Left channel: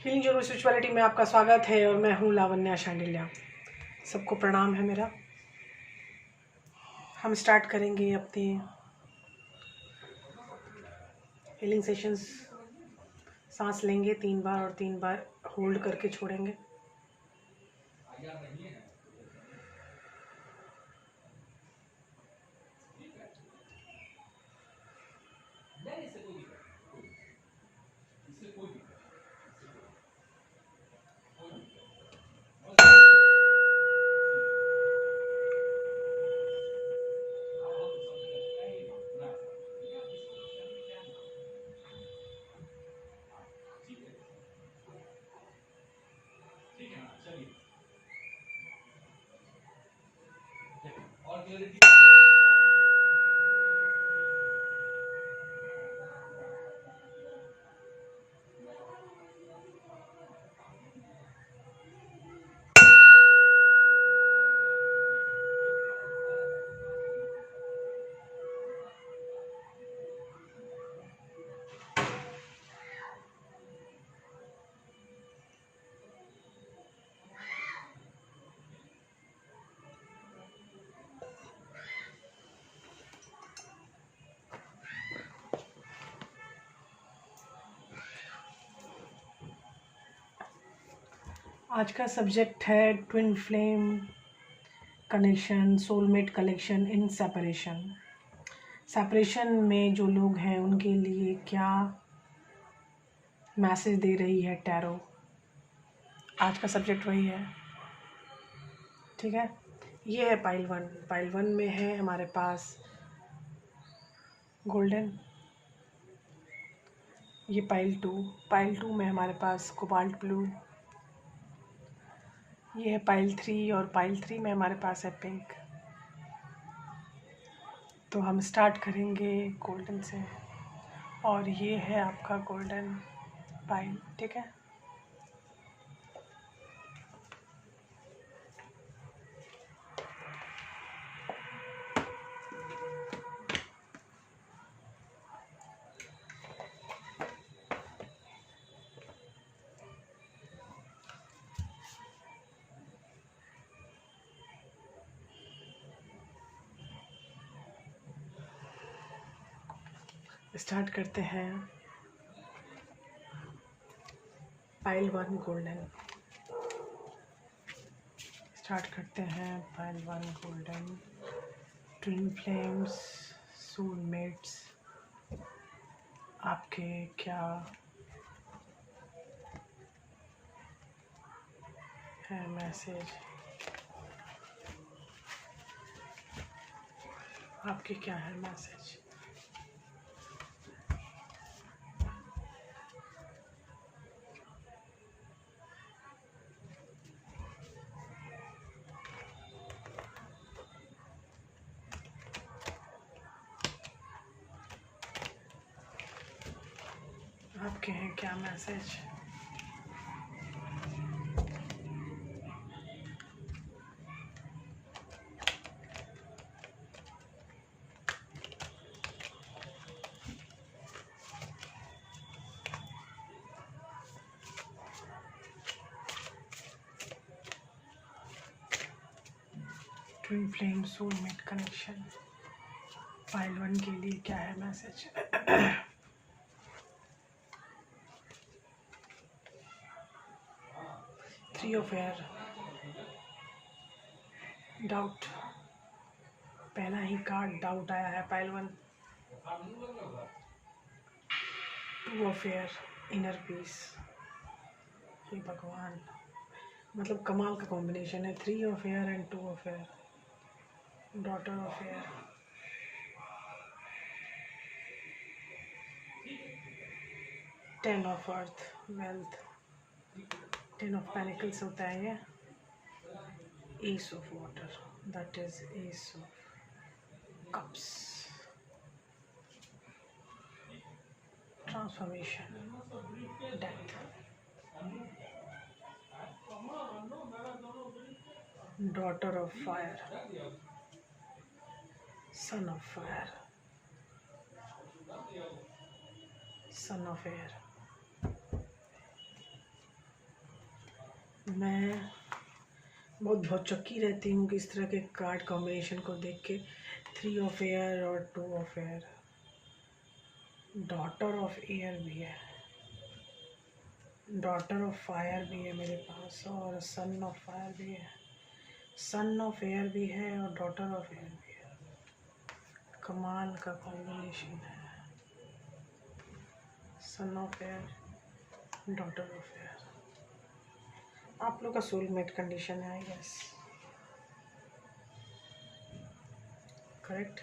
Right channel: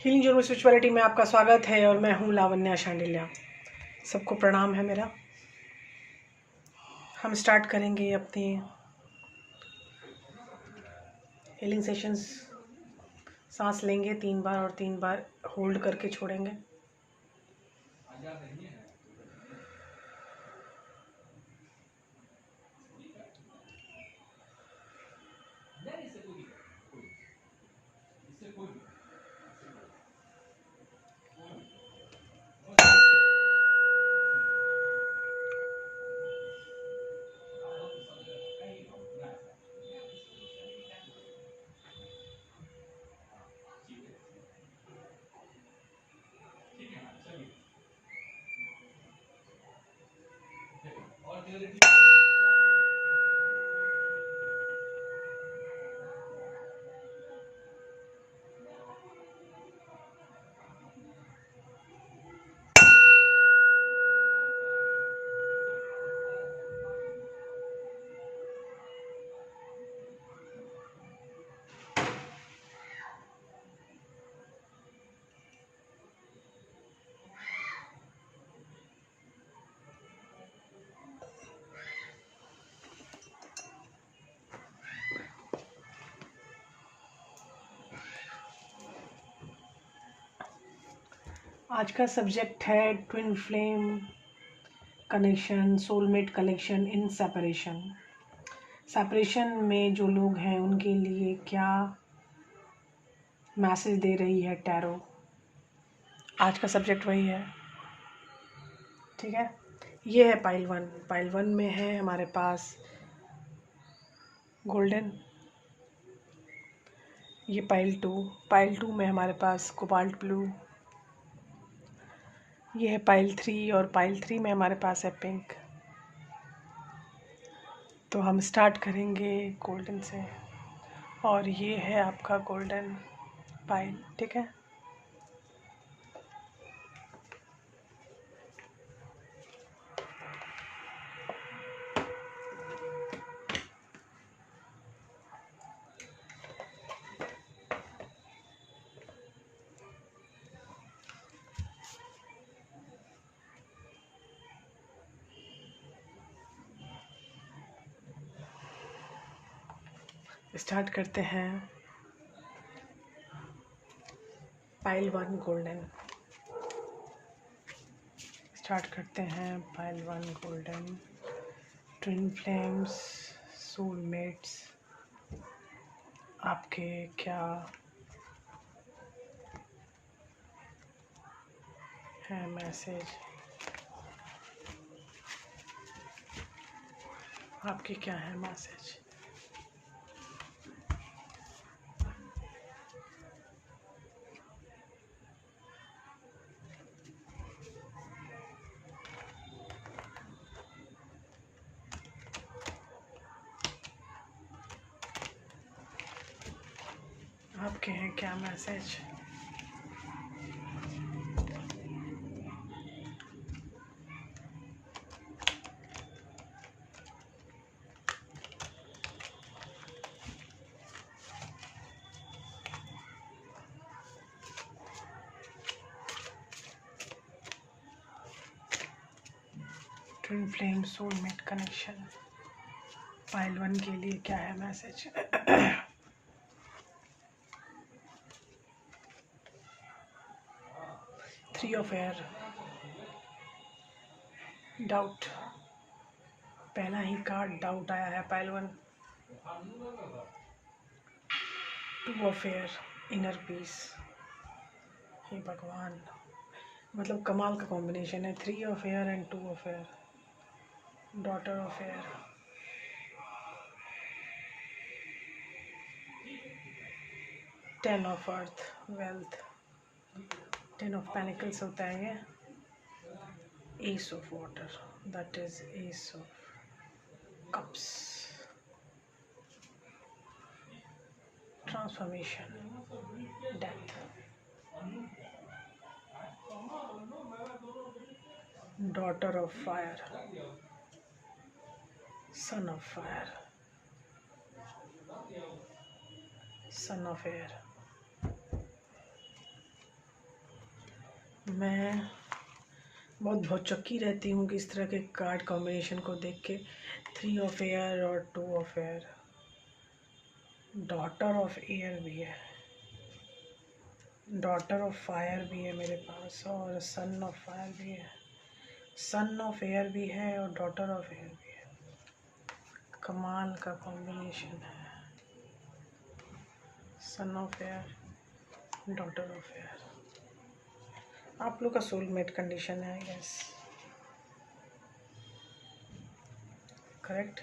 Healing journey spirituality में आपका स्वागत है और मैं हूँ लावण्या शांडिल्या। सबको प्रणाम है मेरा। हम स्टार्ट करेंगे अपने हीलिंग सेशंस। सांस लेंगे 3 बार और 3 बार होल्ड करके छोड़ेंगे। आज का सब्जेक्ट है twin flame connection, soulmate collection in separation. Separation में जो लोग हैं उनके लिए क्या मैसेज दे रही है टैरो। आज का सब्जेक्ट वही है, ठीक है। ये है पाइल 1। पाइल 1 में है हमारे पास गोल्डन। ये पाइल 2। पाइल 2 में हमारे पास कोबाल्ट ब्लू। ये है पाइल 3 और पाइल 3 में हमारे पास है पिंक। तो हम स्टार्ट करेंगे गोल्डन से और ये है आपका गोल्डन पाइल, ठीक है। स्टार्ट करते हैं पाइल 1 गोल्डन। स्टार्ट करते हैं pile 1 golden. Twin flames, soulmates, आपके क्या है मैसेज, आपके क्या है मैसेज। आपके हैं क्या message. Twin flame soulmate connection pile 1 के लिए क्या है मैसेज। 3 of air, doubt. पहला ही कार्ड डाउट आया है pile 1। 2 of air, inner peace. हे भगवान, मतलब कमाल का कॉम्बिनेशन है। 3 of air and 2 of air, daughter of air. Ten of earth, wealth. 10 of pentacles होता है ये। Ace of water, that is ace of cups. Transformation, death. Daughter of fire, son of fire, son of air. मैं बहुत भौचक्की रहती हूँ कि इस तरह के कार्ड कॉम्बिनेशन को देख के। 3 ऑफ एयर और 2 of air, daughter of air भी है, डॉटर ऑफ फायर भी है मेरे पास, और सन ऑफ फायर भी है, सन ऑफ एयर भी है और डॉटर ऑफ एयर भी है। कमाल का कॉम्बिनेशन है, son of air, daughter of air. आप लोग का सोलमेट कंडीशन है, यस, करेक्ट।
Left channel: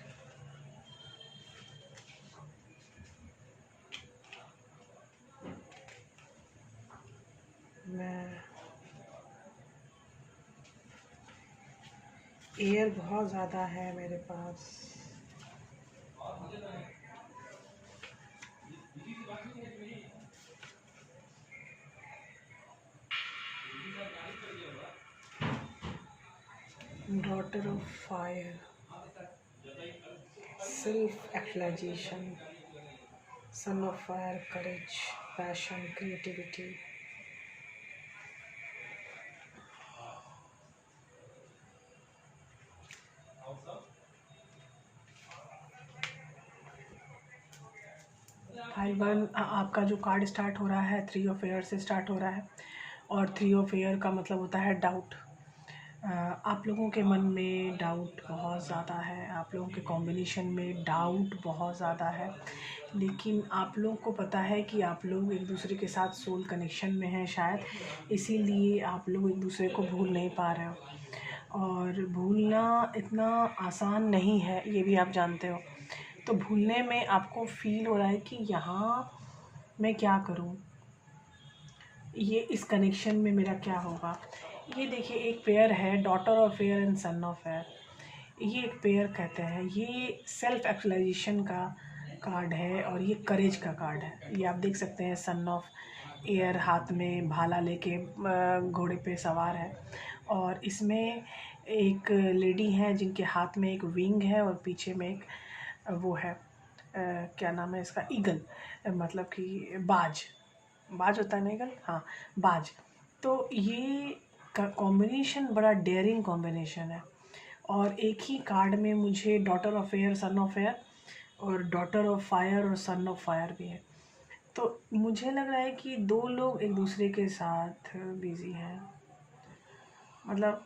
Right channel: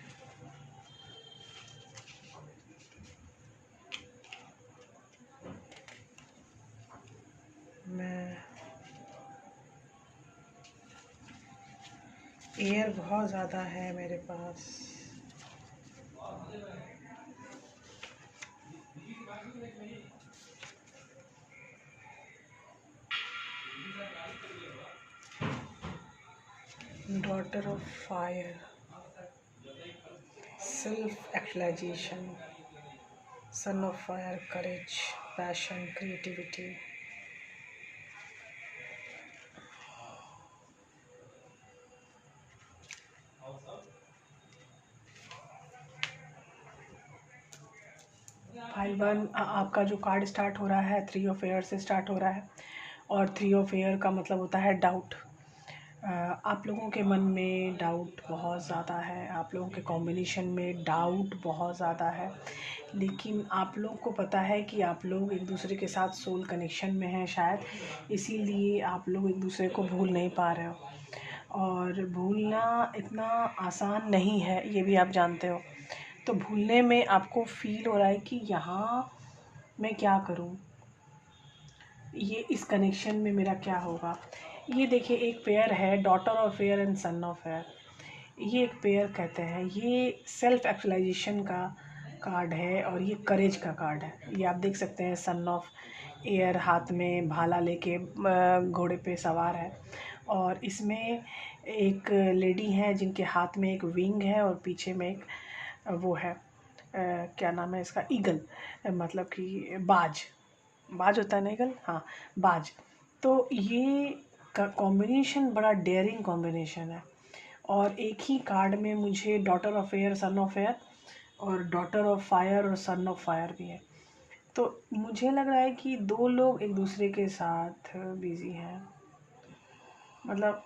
मैं एयर बहुत ज़्यादा है मेरे पास, daughter of fire, self actualization, son of fire, courage, passion, creativity. Pile 1 आपका जो कार्ड स्टार्ट हो रहा है 3 ऑफ एयर से स्टार्ट हो रहा है, और 3 ऑफ एयर का मतलब होता है डाउट। आप लोगों के मन में डाउट बहुत ज़्यादा है, आप लोगों के कॉम्बिनेशन में डाउट बहुत ज़्यादा है, लेकिन आप लोगों को पता है कि आप लोग एक दूसरे के साथ सोल कनेक्शन में हैं शायद, इसीलिए आप लोग एक दूसरे को भूल नहीं पा रहे हो। और भूलना इतना आसान नहीं है, ये भी आप जानते हो। तो भूलने में आपको फील हो रहा है कि यहाँ मैं क्या करूँ, ये इस कनेक्शन में मेरा क्या होगा। ये देखिए एक पेयर है, daughter of air and sun of air, ये एक पेयर कहते हैं। ये सेल्फ एक्चुअलाइजेशन का कार्ड है और ये करेज का कार्ड है। ये आप देख सकते हैं, सन ऑफ एयर हाथ में भाला लेके घोड़े पे सवार है, और इसमें एक लेडी है जिनके हाथ में एक विंग है और पीछे में एक वो है, क्या नाम है इसका, ईगल, मतलब कि बाज, बाज होता है ना ईगल, हाँ बाज। तो ये का कॉम्बिनेशन बड़ा डेयरिंग कॉम्बिनेशन है, और एक ही कार्ड में मुझे daughter of air, sun of air, और डॉटर ऑफ फायर और सन ऑफ फायर भी है। तो मुझे लग रहा है कि 2 लोग एक दूसरे के साथ बिजी हैं। मतलब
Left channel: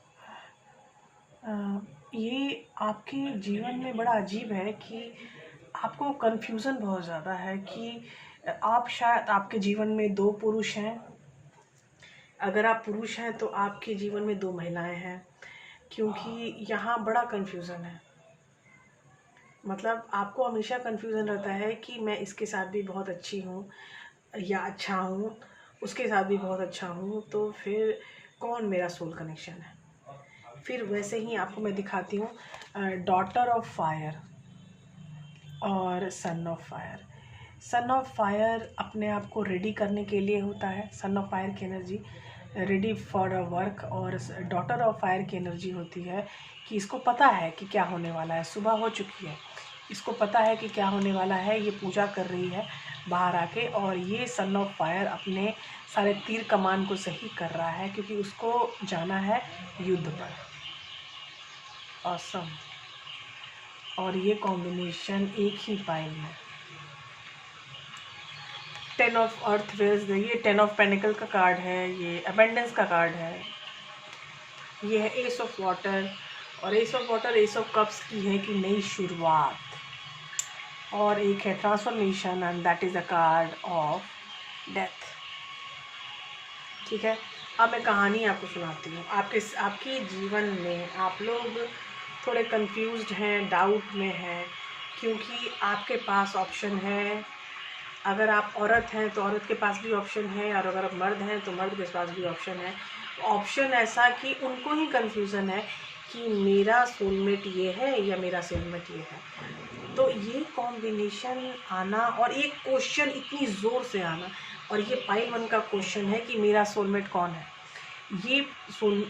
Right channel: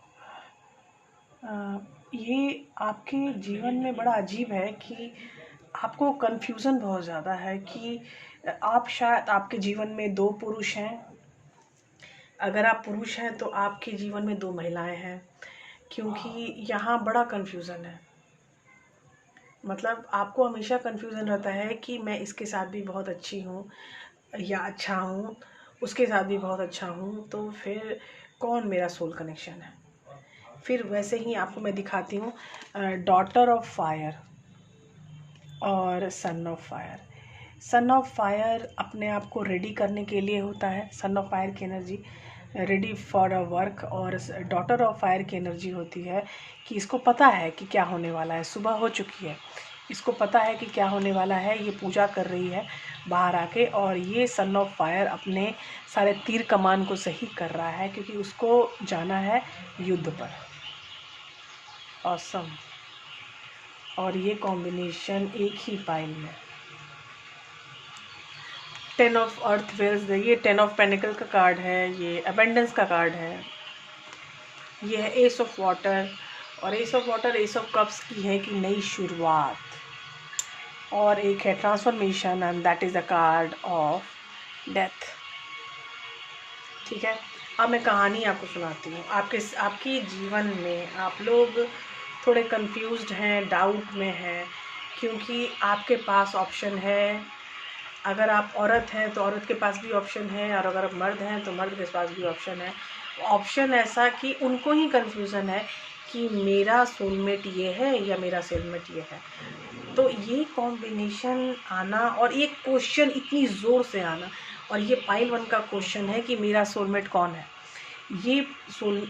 ये आपके जीवन में बड़ा अजीब है कि आपको कन्फ्यूज़न बहुत ज़्यादा है कि आप शायद, आपके जीवन में 2 पुरुष हैं। अगर आप पुरुष हैं तो आपके जीवन में 2 महिलाएं हैं, क्योंकि यहाँ बड़ा कन्फ्यूज़न है। मतलब आपको हमेशा कन्फ्यूज़न रहता है कि मैं इसके साथ भी बहुत अच्छी हूँ या अच्छा हूँ, उसके साथ भी बहुत अच्छा हूँ, तो फिर कौन मेरा सोल कनेक्शन है। फिर वैसे ही आपको मैं दिखाती हूँ डॉटर ऑफ फायर और सन of fire. Son of fire अपने आप को रेडी करने के लिए होता है, सन ऑफ फायर की energy ready for a work, और डॉटर ऑफ फायर की एनर्जी होती है कि इसको पता है कि क्या होने वाला है, सुबह हो चुकी है, इसको पता है कि क्या होने वाला है, ये पूजा कर रही है बाहर आके, और ये सन ऑफ फायर अपने सारे तीर कमान को सही कर रहा है क्योंकि उसको जाना है युद्ध पर। ऑसम। और ये कॉम्बिनेशन एक ही पाइल में, 10 ऑफ अर्थ वेल्स, ये 10 ऑफ पेनिकल का कार्ड है, ये अबेंडेंस का कार्ड है, ये है एस ऑफ वाटर, और S of water S of cups की है कि नई शुरुआत, और एक है transformation, and that is the card of death. ठीक है, अब मैं कहानी आपको सुनाती हूँ। आपके जीवन में आप लोग थोड़े कंफ्यूज्ड हैं, डाउट में हैं, क्योंकि आपके पास ऑप्शन है। अगर आप औरत हैं तो औरत के पास भी ऑप्शन है, और अगर आप मर्द हैं तो मर्द के पास भी ऑप्शन है। ऑप्शन ऐसा कि उनको ही कन्फ्यूज़न है कि मेरा सोलमेट ये है या मेरा सोलमेट ये है। तो ये कॉम्बिनेशन आना और ये क्वेश्चन इतनी ज़ोर से आना, और ये पाइल 1 का क्वेश्चन है कि मेरा सोलमेट कौन है। ये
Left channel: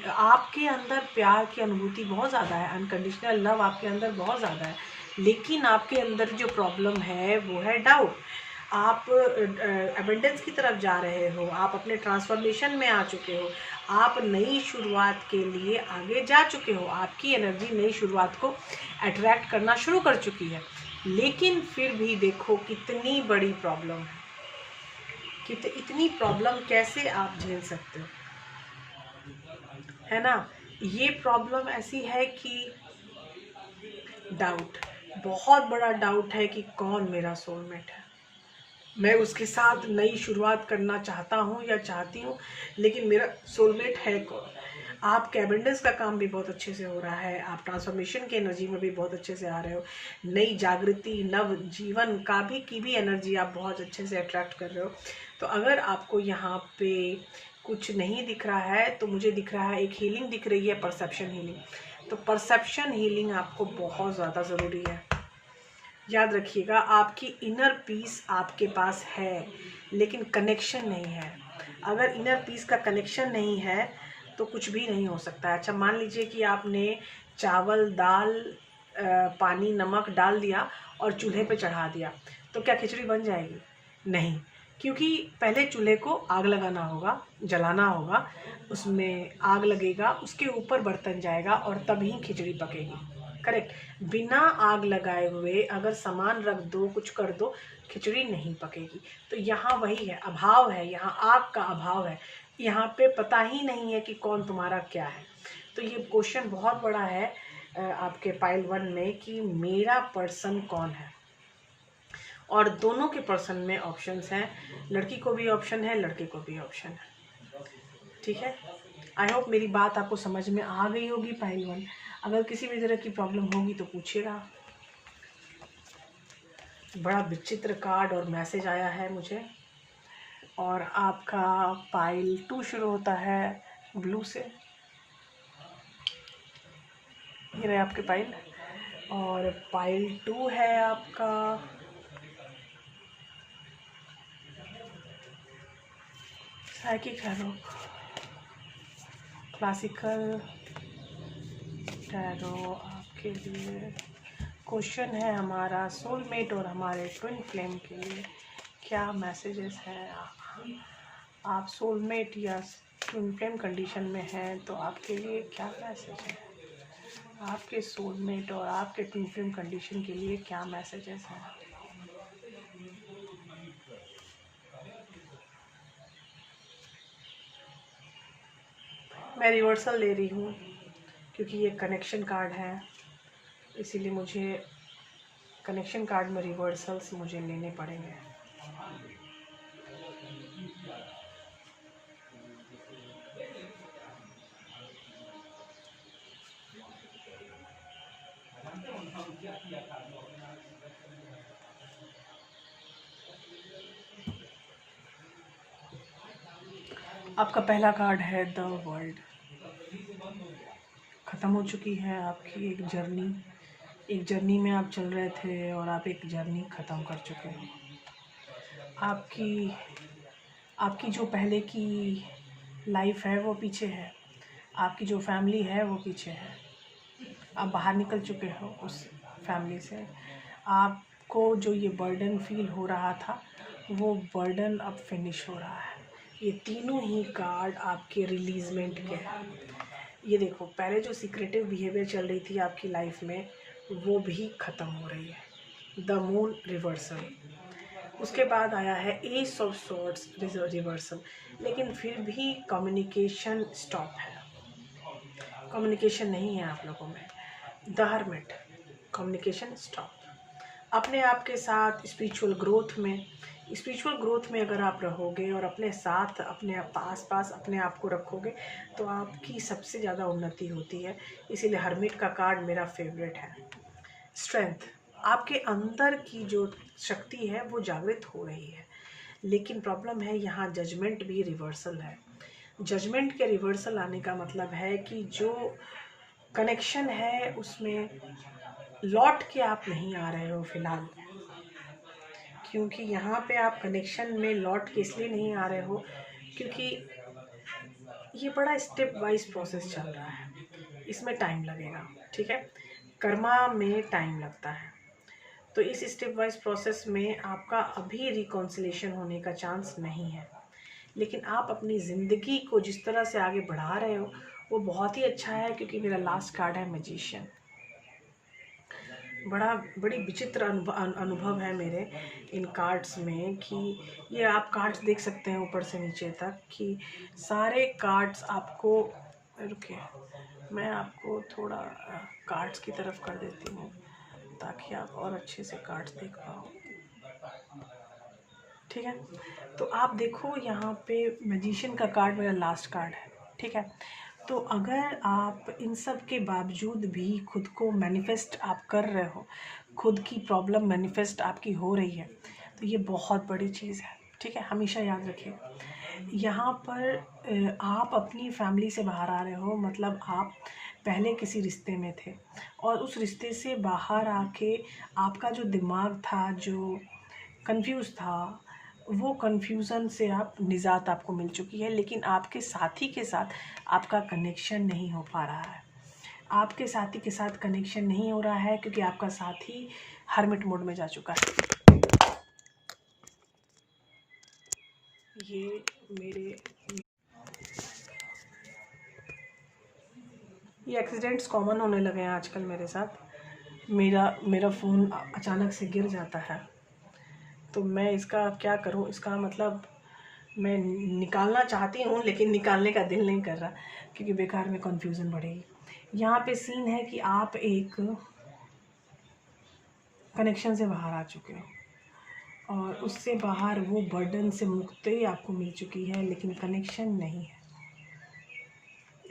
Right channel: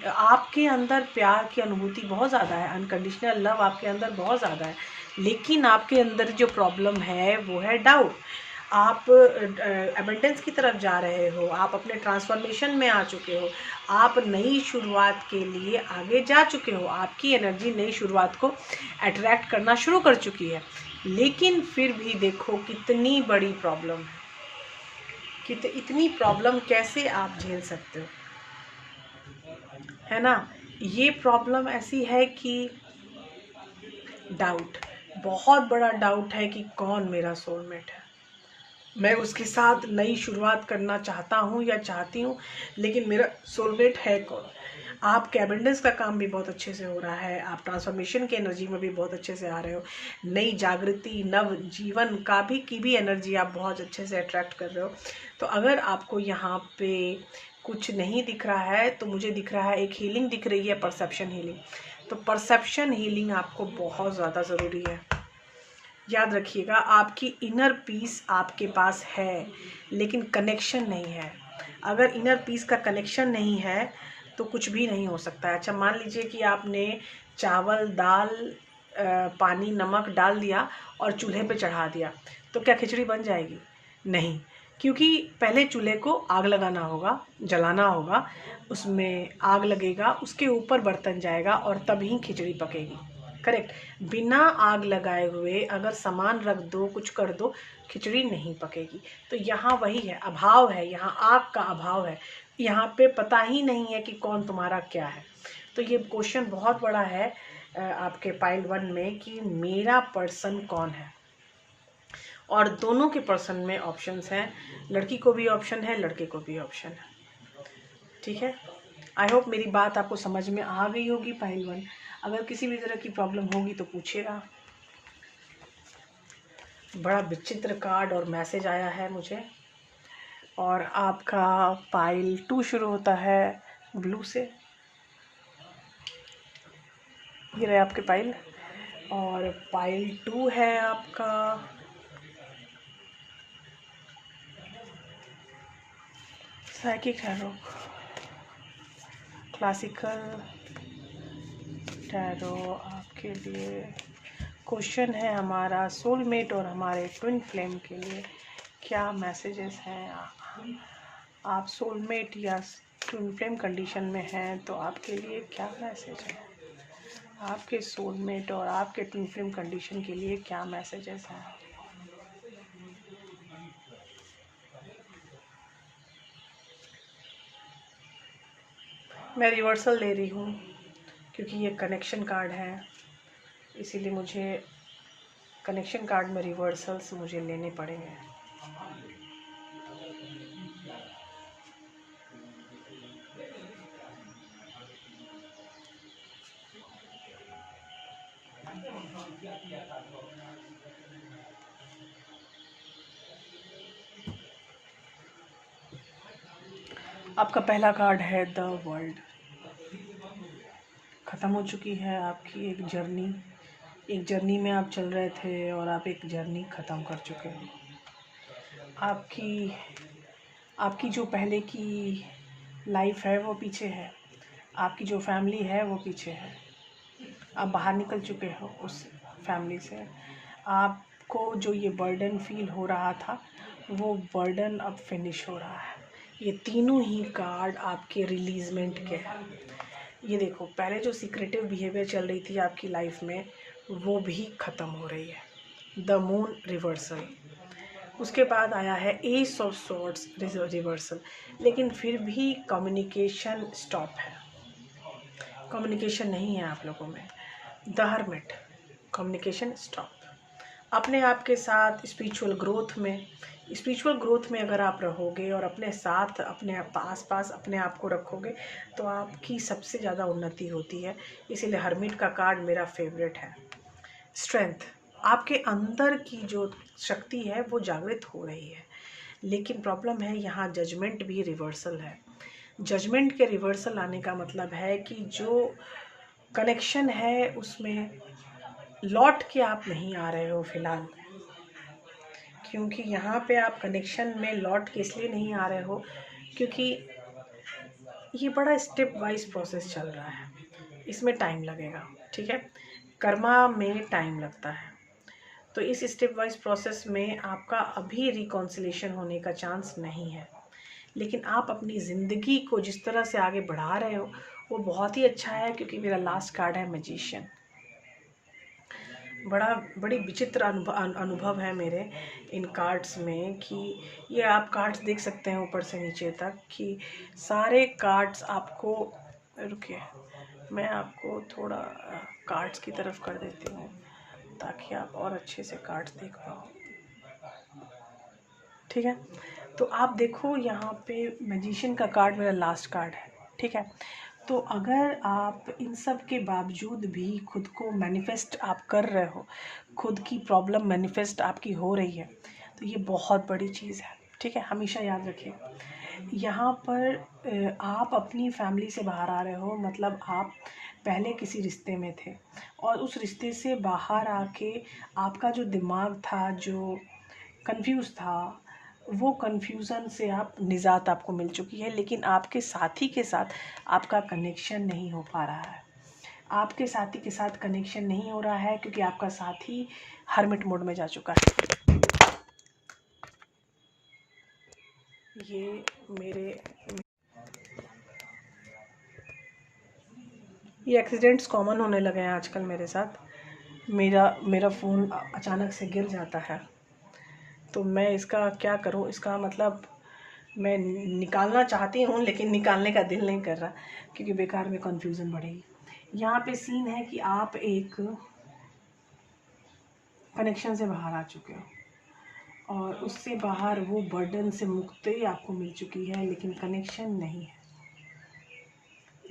आपके अंदर प्यार की अनुभूति बहुत ज़्यादा है, अनकंडीशनल लव आपके अंदर बहुत ज़्यादा है, लेकिन आपके अंदर जो प्रॉब्लम है वो है डाउट। आप एबंडेंस की तरफ जा रहे हो, आप अपने ट्रांसफॉर्मेशन में आ चुके हो, आप नई शुरुआत के लिए आगे जा चुके हो, आपकी एनर्जी नई शुरुआत को अट्रैक्ट करना शुरू कर चुकी है। लेकिन फिर भी देखो कितनी बड़ी प्रॉब्लम है, इतनी प्रॉब्लम कैसे आप झेल सकते हो, है ना। ये प्रॉब्लम ऐसी है कि डाउट, बहुत बड़ा डाउट है कि कौन मेरा सोलमेट है, मैं उसके साथ नई शुरुआत करना चाहता हूँ या चाहती हूँ, लेकिन मेरा सोलमेट है कौन। आपके एबंडेंस का काम भी बहुत अच्छे से हो रहा है, आप ट्रांसफॉर्मेशन की एनर्जी में भी बहुत अच्छे से आ रहे हो, नई जागृति नव जीवन का भी की भी एनर्जी आप बहुत अच्छे से अट्रैक्ट कर रहे हो। तो अगर आपको यहाँ पे कुछ नहीं दिख रहा है तो मुझे दिख रहा है एक हीलिंग दिख रही है, परसेप्शन हीलिंग। तो परसेप्शन हीलिंग आपको बहुत ज़्यादा ज़रूरी है। याद रखिएगा, आपकी इनर पीस आपके पास है लेकिन कनेक्शन नहीं है। अगर इनर पीस का कनेक्शन नहीं है तो कुछ भी नहीं हो सकता है। अच्छा, मान लीजिए कि आपने चावल दाल पानी नमक डाल दिया और चूल्हे पे चढ़ा दिया, तो क्या खिचड़ी बन जाएगी? नहीं, क्योंकि पहले चूल्हे को आग लगाना होगा, जलाना होगा, उसमें आग लगेगा, उसके ऊपर बर्तन जाएगा और तभी खिचड़ी पकेगी। करेक्ट। बिना आग लगाए हुए अगर सामान रख दो, कुछ कर दो, खिचड़ी नहीं पकेगी। तो यहाँ वही है, अभाव है, यहाँ आग का अभाव है, यहाँ पे पता ही नहीं है कि कौन तुम्हारा क्या है। तो ये क्वेश्चन बहुत बड़ा है आपके पाइल 1 में कि मेरा पर्सन कौन है। और दोनों के पर्सन में ऑप्शंस हैं, लड़की को भी ऑप्शन है, लड़के को भी ऑप्शन है। ठीक है, आई होप मेरी बात आपको समझ में आ गई होगी पाइल 1। अगर किसी भी तरह की प्रॉब्लम होगी तो पूछिएगा। बड़ा विचित्र कार्ड और मैसेज आया है मुझे, और आपका पाइल 2 शुरू होता है ब्लू से। ये रहे आपके पाइल, और पाइल 2 है आपका साइकिक टैरो, क्लासिकल टैरो। आपके लिए क्वेश्चन है हमारा सोलमेट और हमारे ट्विन फ्लेम के लिए क्या मैसेजेस हैं। आप सोलमेट या ट्विन फ्लेम कंडीशन में हैं तो आपके लिए क्या मैसेज है, आपके सोलमेट और आपके ट्विन फ्लेम कंडीशन के लिए क्या मैसेजेस हैं। मैं रिवर्सल ले रही हूँ क्योंकि ये कनेक्शन कार्ड है, इसीलिए मुझे कनेक्शन कार्ड में रिवर्सल्स मुझे लेने पड़ेंगे। आपका पहला कार्ड है द वर्ल्ड। ख़त्म हो चुकी है आपकी एक जर्नी, एक जर्नी में आप चल रहे थे और आप एक जर्नी ख़त्म कर चुके हो। आपकी जो पहले की लाइफ है वो पीछे है, आपकी जो फैमिली है वो पीछे है, आप बाहर निकल चुके हो उस फैमिली से। आपको जो ये बर्डन फील हो रहा था वो बर्डन अब फिनिश हो रहा है। ये तीनों ही कार्ड आपके रिलीजमेंट के हैं। ये देखो, पहले जो सीक्रेटिव बिहेवियर चल रही थी आपकी लाइफ में वो भी ख़त्म हो रही है, द मून रिवर्सल। उसके बाद आया है एस ऑफ सॉर्ड्स रिवर्सल, लेकिन फिर भी कम्युनिकेशन स्टॉप है, कम्युनिकेशन नहीं है आप लोगों में। The hermit, communication stop. अपने आप के साथ स्पिरिचुअल ग्रोथ में अगर आप रहोगे और अपने साथ अपने आस पास अपने आप को रखोगे तो आपकी सबसे ज़्यादा उन्नति होती है। इसीलिए हर्मिट का कार्ड मेरा फेवरेट है। स्ट्रेंथ, आपके अंदर की जो शक्ति है वो जागृत हो रही है, लेकिन प्रॉब्लम है यहाँ जजमेंट भी रिवर्सल है। जजमेंट के रिवर्सल आने का मतलब है कि जो कनेक्शन है उसमें लौट के आप नहीं आ रहे हो फिलहाल, क्योंकि यहाँ पे आप कनेक्शन में लौट के इसलिए नहीं आ रहे हो क्योंकि ये बड़ा स्टेप वाइज प्रोसेस चल रहा है, इसमें टाइम लगेगा। ठीक है, कर्मा में टाइम लगता है। तो इस स्टेप वाइज प्रोसेस में आपका अभी रिकॉन्सिलेशन होने का चांस नहीं है, लेकिन आप अपनी ज़िंदगी को जिस तरह से आगे बढ़ा रहे हो वो बहुत ही अच्छा है, क्योंकि मेरा लास्ट कार्ड है मैजिशियन। बड़ी विचित्र अनुभव है मेरे इन कार्ड्स में, कि ये आप कार्ड्स देख सकते हैं ऊपर से नीचे तक, कि सारे कार्ड्स आपको, रुकिए मैं आपको थोड़ा कार्ड्स की तरफ कर देती हूँ ताकि आप और अच्छे से कार्ड्स देख पाओ। ठीक है, तो आप देखो यहाँ पे मैजिशियन का कार्ड मेरा लास्ट कार्ड है। ठीक है, तो अगर आप इन सब के बावजूद भी खुद को मैनिफेस्ट आप कर रहे हो, खुद की प्रॉब्लम मैनिफेस्ट आपकी हो रही है, तो ये बहुत बड़ी चीज़ है। ठीक है, हमेशा याद रखिए, यहाँ पर आप अपनी फैमिली से बाहर आ रहे हो, मतलब आप पहले किसी रिश्ते में थे और उस रिश्ते से बाहर आके आपका जो दिमाग था, जो कंफ्यूज था, वो कन्फ्यूज़न से आप निजात आपको मिल चुकी है, लेकिन आपके साथी के साथ आपका कनेक्शन नहीं हो पा रहा है। आपके साथी के साथ कनेक्शन नहीं हो रहा है क्योंकि आपका साथी हर्मिट मोड में जा चुका है। ये एक्सीडेंट्स कॉमन होने लगे हैं आजकल मेरे साथ। मेरा फ़ोन अचानक से गिर जाता है, तो मैं इसका क्या करूं, इसका मतलब मैं निकालना चाहती हूं लेकिन निकालने का दिल नहीं कर रहा, क्योंकि बेकार में कन्फ्यूज़न बढ़ेगी। यहाँ पे सीन है कि आप एक कनेक्शन से बाहर आ चुके हो और उससे बाहर वो बर्डन से मुक्ति आपको मिल चुकी है, लेकिन कनेक्शन नहीं है।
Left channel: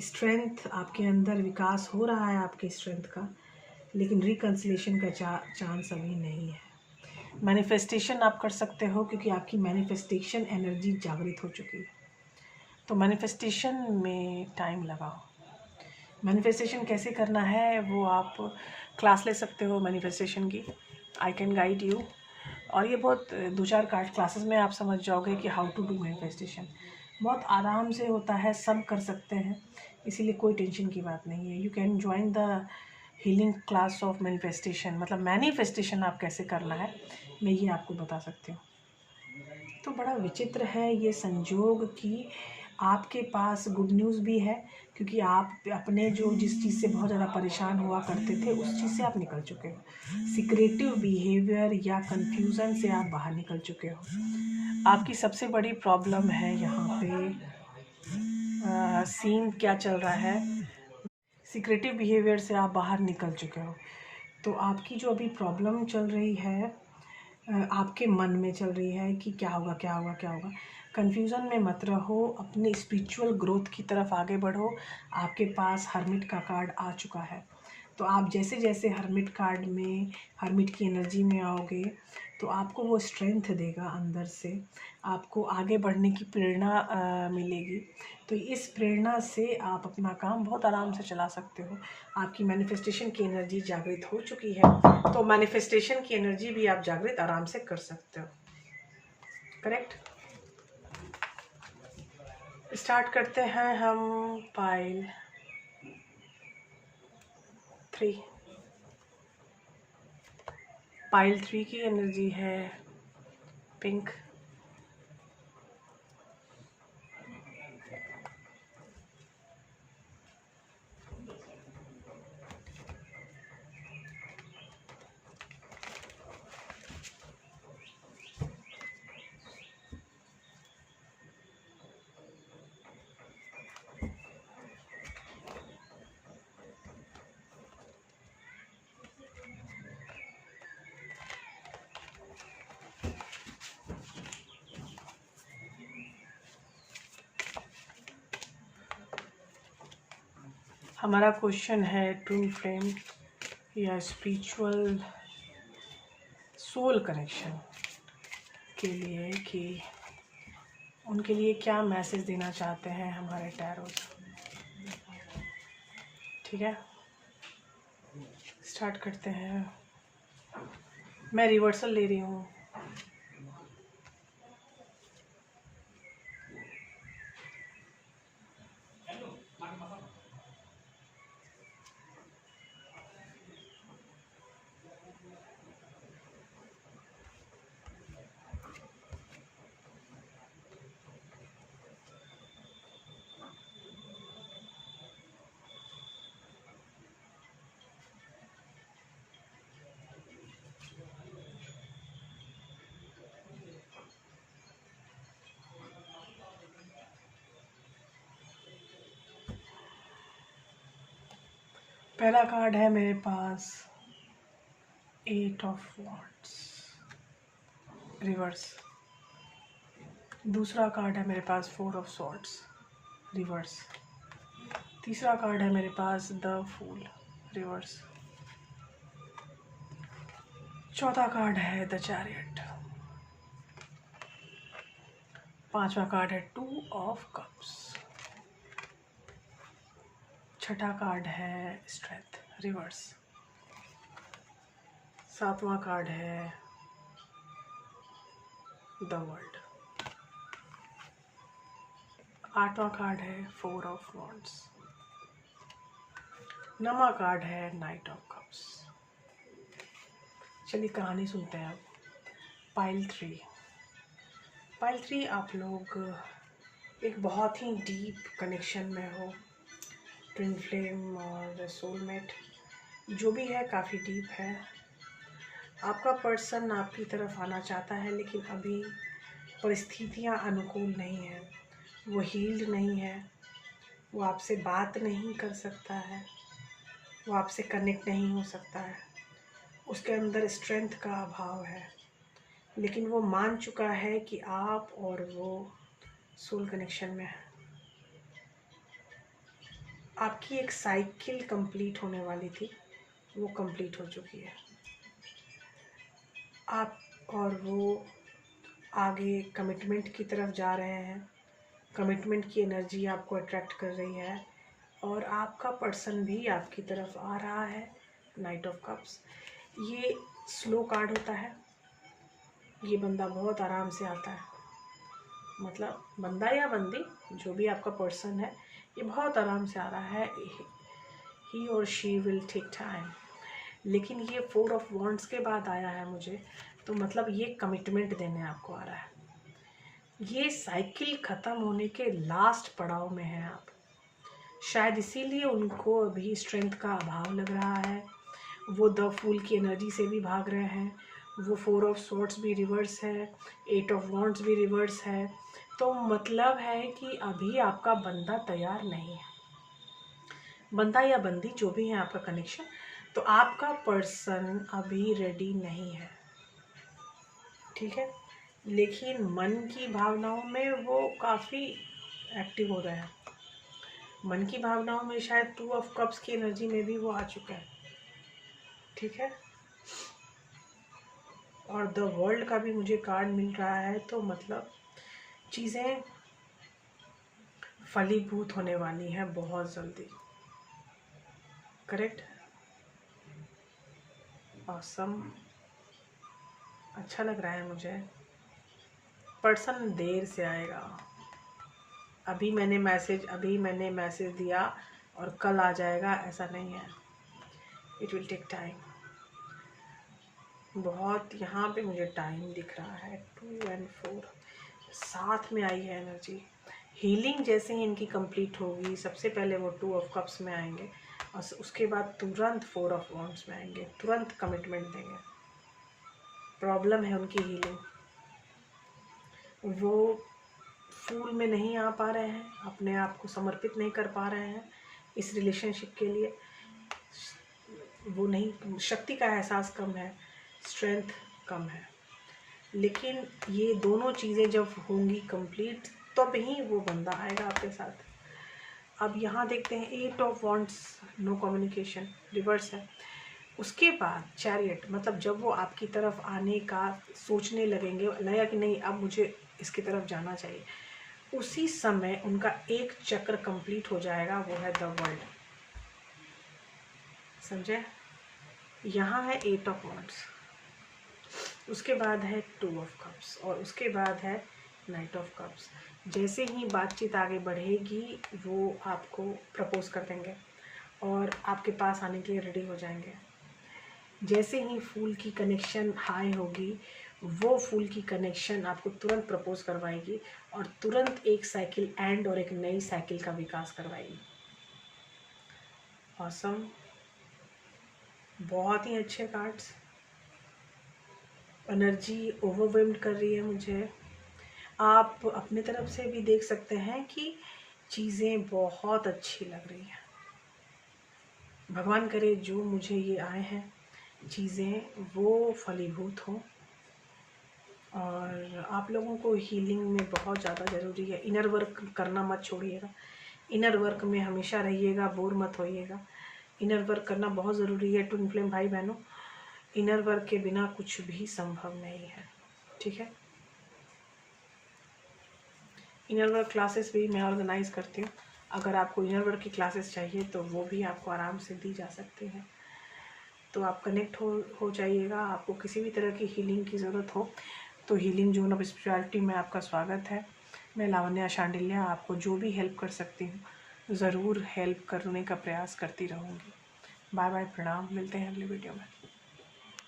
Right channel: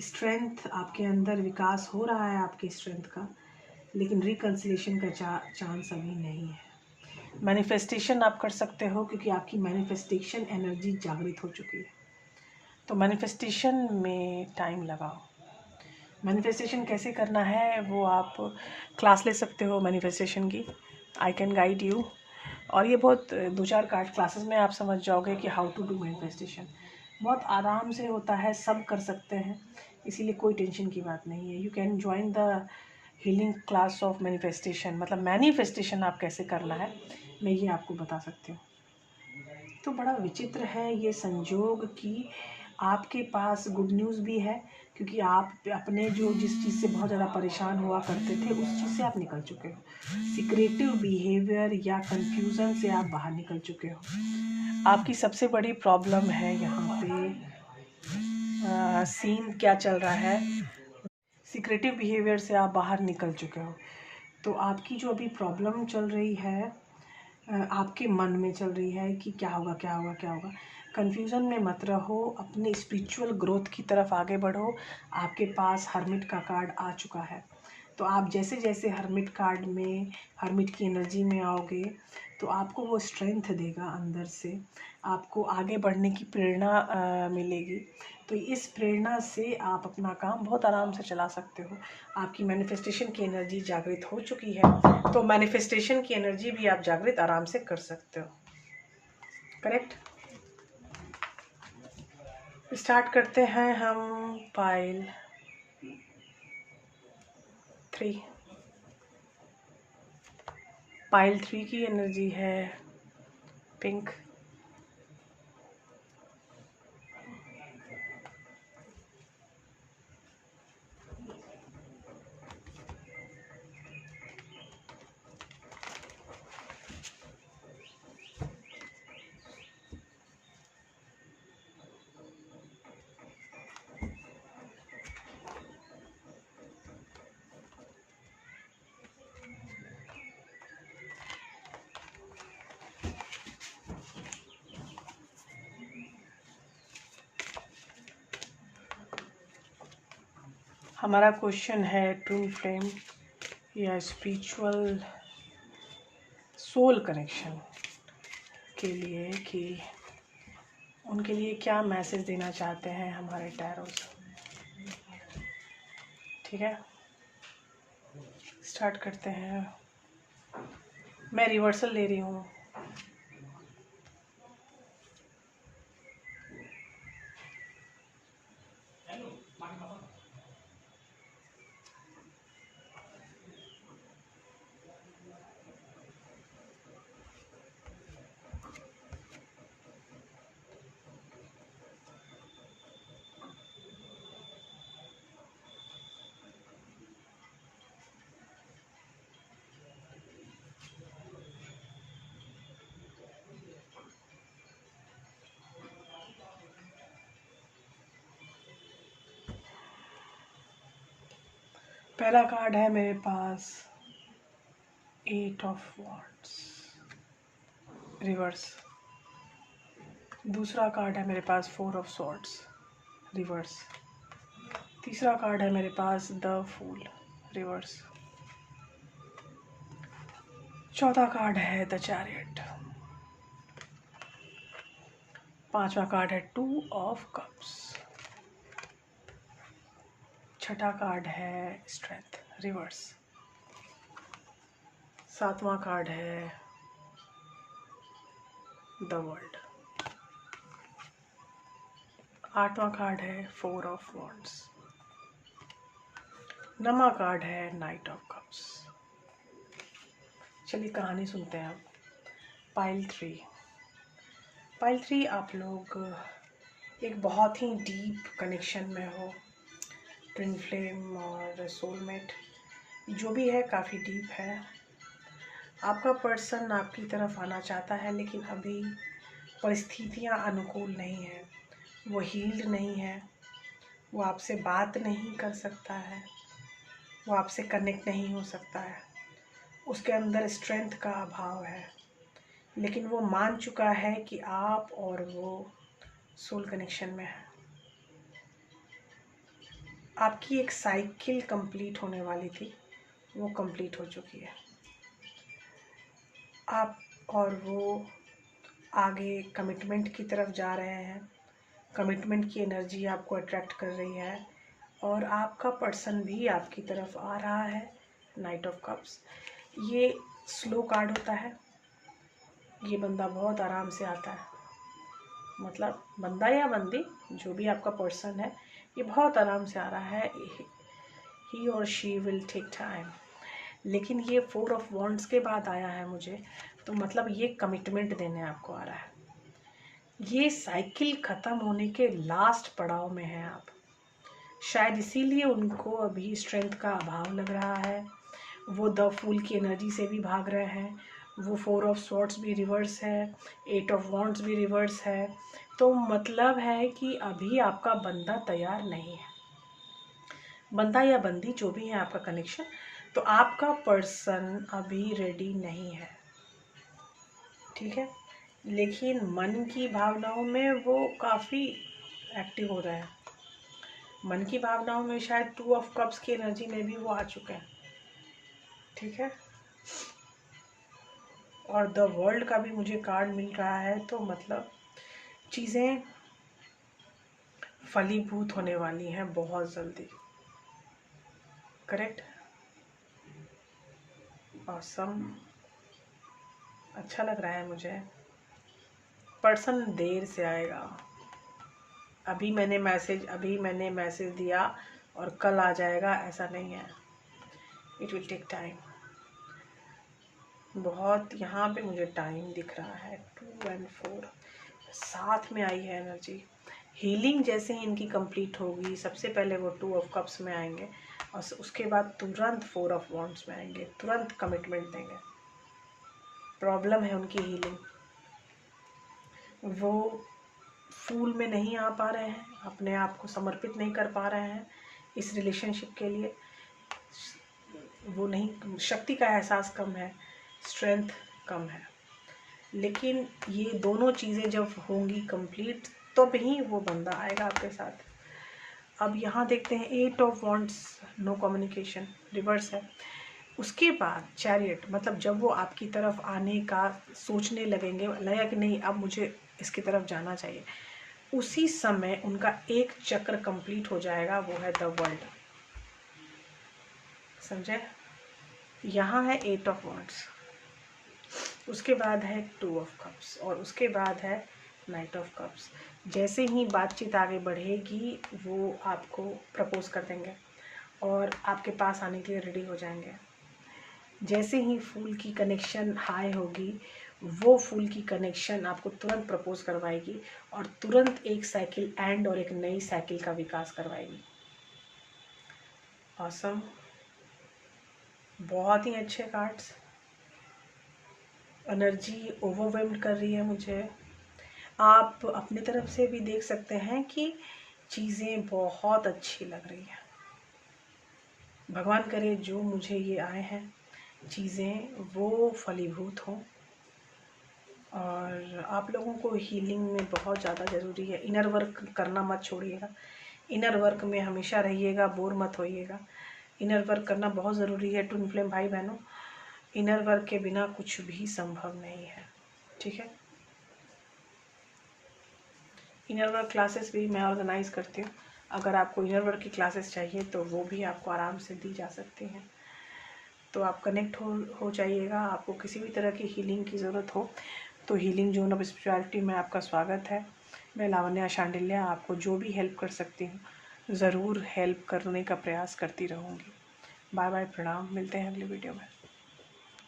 स्ट्रेंथ आपके अंदर विकास हो रहा है आपके स्ट्रेंथ का, लेकिन रिकन्सिलेशन का चांस अभी नहीं है। मैनिफेस्टेशन आप कर सकते हो क्योंकि आपकी मैनिफेस्टेशन एनर्जी जागृत हो चुकी है, तो मैनिफेस्टेशन में टाइम लगाओ। मैनिफेस्टेशन कैसे करना है वो आप क्लास ले सकते हो मैनिफेस्टेशन की, आई कैन गाइड यू। और ये बहुत 2-4 कार्ड क्लासेस में आप समझ जाओगे कि हाउ टू डू मैनिफेस्टेशन। बहुत आराम से होता है, सब कर सकते हैं, इसीलिए कोई टेंशन की बात नहीं है। You can join the healing class of manifestation, मतलब मैनिफेस्टेशन आप कैसे करना है मैं ये आपको बता सकती हूँ। तो बड़ा विचित्र है ये संजोग कि आपके पास गुड न्यूज़ भी है, क्योंकि आप अपने जो जिस चीज़ से बहुत ज़्यादा परेशान हुआ करते थे उस चीज़ से आप निकल चुके हो। सिक्रेटिव बिहेवियर या कन्फ्यूज़न से आप बाहर निकल चुके हो। आपकी सबसे बड़ी प्रॉब्लम है यहाँ पे सीन क्या चल रहा है, सिक्रेटिव बिहेवियर से आप बाहर निकल चुके हो। तो आपकी जो अभी प्रॉब्लम चल रही है आपके मन में चल रही है कि क्या होगा क्या होगा क्या होगा। कन्फ्यूज़न में मत रहो, अपने स्पिरिचुअल ग्रोथ की तरफ आगे बढ़ो। आपके पास हर्मिट का कार्ड आ चुका है, तो आप जैसे जैसे हर्मिट कार्ड में, हर्मिट की एनर्जी में आओगे, तो आपको वो स्ट्रेंथ देगा अंदर से, आपको आगे बढ़ने की प्रेरणा मिलेगी। तो इस प्रेरणा से आप अपना काम बहुत आराम से चला सकते हो। आपकी मैनिफेस्टेशन की एनर्जी जागृत हो चुकी है, तो मैनिफेस्टेशन की एनर्जी भी आप जागृत आराम से कर सकते हो। करेक्ट। स्टार्ट करते हैं हम पाइल 3। पाइल 3 की एनर्जी है पिंक। हमारा क्वेश्चन है ट्विन फ्लेम या स्पिरिचुअल सोल कनेक्शन के लिए, कि उनके लिए क्या मैसेज देना चाहते हैं हमारे टैरोस। ठीक है, स्टार्ट करते हैं। मैं रिवर्सल ले रही हूँ। पहला कार्ड है मेरे पास 8 ऑफ वॉन्ड्स रिवर्स। दूसरा कार्ड है मेरे पास 4 ऑफ सॉर्ड्स रिवर्स। तीसरा कार्ड है मेरे पास द फूल रिवर्स। चौथा कार्ड है द चैरियट। पांचवा कार्ड है 2 ऑफ कप्स। छठा कार्ड है स्ट्रेंथ रिवर्स। सातवां कार्ड है द वर्ल्ड। आठवां कार्ड है 4 ऑफ वॉन्ड्स। नौवां कार्ड है नाइट ऑफ कप्स। चलिए कहानी सुनते हैं अब। पाइल 3। पाइल 3 आप लोग एक बहुत ही डीप कनेक्शन में हो। ट्विन फ्लेम और सोलमेट जो भी है काफ़ी डीप है। आपका पर्सन आपकी तरफ आना चाहता है लेकिन अभी परिस्थितियां अनुकूल नहीं है। वो हील्ड नहीं है, वो आपसे बात नहीं कर सकता है, वो आपसे कनेक्ट नहीं हो सकता है, उसके अंदर स्ट्रेंथ का अभाव है। लेकिन वो मान चुका है कि आप और वो सोल कनेक्शन में है। आपकी एक साइकिल कंप्लीट होने वाली थी, वो कंप्लीट हो चुकी है। आप और वो आगे कमिटमेंट की तरफ जा रहे हैं। कमिटमेंट की एनर्जी आपको अट्रैक्ट कर रही है और आपका पर्सन भी आपकी तरफ आ रहा है। नाइट ऑफ कप्स ये स्लो कार्ड होता है। ये बंदा बहुत आराम से आता है, मतलब बंदा या बंदी जो भी आपका पर्सन है ये बहुत आराम से आ रहा है। ही और शी विल टेक टाइम। लेकिन ये 4 ऑफ वॉन्ड्स के बाद आया है मुझे, तो मतलब ये कमिटमेंट देने आपको आ रहा है। ये साइकिल ख़त्म होने के लास्ट पड़ाव में है आप। शायद इसीलिए उनको अभी स्ट्रेंथ का अभाव लग रहा है। वो द फूल की एनर्जी से भी भाग रहे हैं। वो 4 ऑफ स्वॉर्ड्स भी रिवर्स है, 8 ऑफ वॉन्ड्स भी रिवर्स है। तो मतलब है कि अभी आपका बंदा तैयार नहीं है। बंदा या बंदी जो भी है आपका कनेक्शन, तो आपका पर्सन अभी रेडी नहीं है, ठीक है। लेकिन मन की भावनाओं में वो काफ़ी एक्टिव हो रहा है। मन की भावनाओं में शायद 2 ऑफ कप्स की एनर्जी में भी वो आ चुका है, ठीक है। और द वर्ल्ड का भी मुझे कार्ड मिल रहा है, तो मतलब चीज़ें फलीभूत होने वाली हैं बहुत जल्दी। करेक्ट। ऑसम। अच्छा लग रहा है मुझे। पर्सन देर से आएगा। अभी मैंने मैसेज दिया और कल आ जाएगा, ऐसा नहीं है। It will take time. बहुत यहाँ पे मुझे टाइम दिख रहा है। 2 और 4 साथ में आई है एनर्जी। हीलिंग जैसे ही इनकी कंप्लीट होगी, सबसे पहले वो 2 ऑफ कप्स में आएंगे और उसके बाद तुरंत 4 ऑफ वॉन्ड्स में आएंगे, तुरंत कमिटमेंट देंगे। प्रॉब्लम है उनकी हीलिंग। वो फूल में नहीं आ पा रहे हैं, अपने आप को समर्पित नहीं कर पा रहे हैं इस रिलेशनशिप के लिए। वो नहीं, शक्ति का एहसास कम है, स्ट्रेंथ कम है। लेकिन ये दोनों चीज़ें जब होंगी कंप्लीट, तब ही वो बंदा आएगा आपके साथ। अब यहाँ देखते हैं 8 of wands, no communication reverse है। उसके बाद चैरियट, मतलब जब वो आपकी तरफ आने का सोचने लगेंगे, लगा कि नहीं अब मुझे इसकी तरफ जाना चाहिए, उसी समय उनका एक चक्र कंप्लीट हो जाएगा, वो है द वर्ल्ड। समझे? यहाँ है 8 ऑफ वॉन्ड्स, उसके बाद है 2 ऑफ कप्स और उसके बाद है नाइट ऑफ कप्स। जैसे ही बातचीत आगे बढ़ेगी वो आपको प्रपोज कर देंगे और आपके पास आने के लिए रेडी हो जाएंगे। जैसे ही फूल की कनेक्शन हाई होगी, वो फूल की कनेक्शन आपको तुरंत प्रपोज करवाएगी और तुरंत एक साइकिल एंड और एक नई साइकिल का विकास करवाएगी। ऑसम। बहुत ही अच्छे कार्ड्स। एनर्जी ओवरवेल्ड कर रही है मुझे। आप अपनी तरफ से भी देख सकते हैं कि चीज़ें बहुत अच्छी लग रही हैं। भगवान करे जो मुझे ये आए हैं चीज़ें वो फलीभूत हों, और आप लोगों को हीलिंग में बहुत ज़्यादा ज़रूरी है। इनर वर्क करना मत छोड़िएगा, इनर वर्क में हमेशा रहिएगा, बोर मत होइएगा। इनर वर्क करना बहुत ज़रूरी है ट्विन फ्लेम भाई बहनों, इनर वर्क के बिना कुछ भी संभव नहीं है, ठीक है। इनर वर्क क्लासेस भी मैं ऑर्गेनाइज़ करती हूँ, अगर आपको इनर वर्क की क्लासेस चाहिए तो वो भी आपको आराम से दी जा सकती हैं। तो आप कनेक्ट हो जाइएगा। आपको किसी भी तरह की हीलिंग की ज़रूरत हो तो हीलिंग जोन ऑफ स्पिरिचुअलिटी में आपका स्वागत है। मैं लावण्या शांडिल्या आपको जो भी हेल्प कर सकती हूँ ज़रूर हेल्प करने का प्रयास करती रहूँगी। बाय बाय, प्रणाम, मिलते हैं अगले वीडियो में।